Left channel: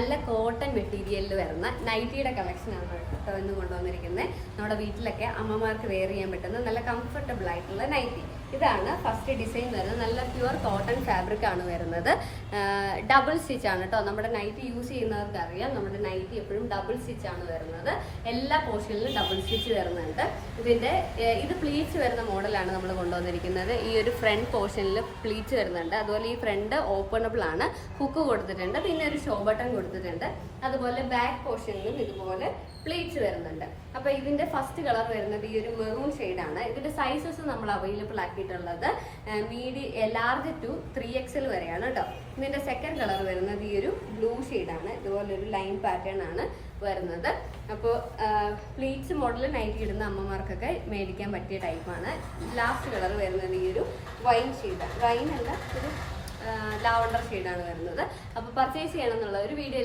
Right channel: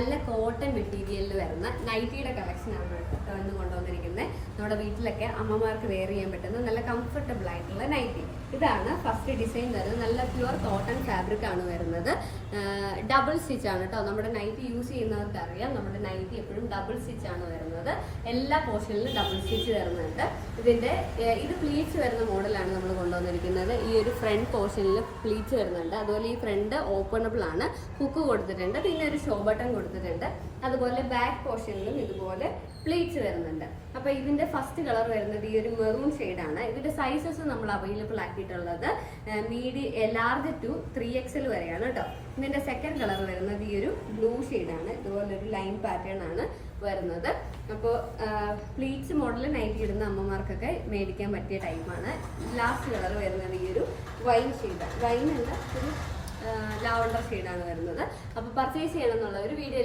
നല്ല കോട്ടൺ മെറ്റീരിയലിൽ വരുന്ന നൈറ്റിയുടെ കളക്ഷനാണ് കേട്ടോ ഇന്ന് കൊണ്ടുവന്നിരിക്കുന്നത്. നമ്മുടെ വീട്ടിലൊക്കെ അമ്മമാർക്ക് വെയർ ചെയ്യാൻ പറ്റുന്ന നല്ല കംഫർട്ടബിൾ ആയിട്ടുള്ള നൈറ്റി. ഇതാണ് ഫസ്റ്റ് ഡിസൈൻ വരുന്നത്. നല്ല പ്യുവർ കോട്ടൺ ഫാബ്രിക് ആണ് വരുന്നത്. ഡബിൾ സ്റ്റിച്ച് ആണ് കേട്ടോ. നമ്മുടെ നൈറ്റി യൂസ് ചെയ്യുന്നവർക്ക് അറിയാം, നമ്മുടെ നൈറ്റി എപ്പോഴും ഡബിൾ സ്റ്റിച്ച് ആണ് വരുന്നത്. എല്ലാ പോർഷനിലും ഡബിൾ സ്റ്റിച്ച് വരുന്നുണ്ട്. ഇത് പ്ലീറ്റ്സ് വരുന്ന മോഡലാണ് നമ്മൾ കൊണ്ടുവന്നിരിക്കുന്നത്. ഈ ഒരു ഫ്രണ്ട് പോർഷനിൽ പ്ലീറ്റ്സ് വരുന്നുണ്ട്. അതുപോലെ ഈ ഫ്രണ്ട് ഓപ്പണബിൾ ആണ്, ഹുക്ക് കൊടുത്തിട്ടുണ്ട്, പിന്നെ ഒരു ഷോ ബട്ടൺ കൊടുത്തിട്ടുണ്ട്. അതുപോലെ ബാക്ക് പോർഷനിലും ഇതുപോലെ പ്ലീറ്റ്സ് വരുന്നുണ്ട്. അപ്പോൾ ഇതിന്റെ ഫസ്റ്റ് കളർ വരുന്നത് ഈ ഒരു മെറൂൺ ഷെയ്ഡാണ്. ഇതിന്റെ സൈസസ് നമ്മൾ അവൈലബിൾ ആക്കിയിട്ടുള്ളത് ലാർജ് ടു 3XL വരെയാണ് കേട്ടോ. ഇതിന്റെ സെക്കൻഡ് കളർ വരുന്നത് ഈ ഒരു ബ്ലൂ ഷെയ്ഡാണ്. ഇതുപോലെ ഒരു ലൈൻ പാറ്റേൺ ആണ് വരുന്നത്. അപ്പോൾ പ്ലീറ്റ്സ് മോഡൽ നൈറ്റി ഇടുന്ന അമ്മമാർക്കൊക്കെ മേടിക്കാൻ പറ്റിയ ടൈപ്പാണ്. ലാസ്റ്റ് കളർ വരുന്നത് ഈ ഒരു വൈൻ ഷെയ്ഡാണ്. വൈൻ അല്ല, ഒരു ലാവണ്ടർ ഷെയ്ഡാണ് വരുന്നത്. അപ്പോൾ പർച്ചേസ് ചെയ്യണം എന്നുള്ള ഒരു വീഡിയോ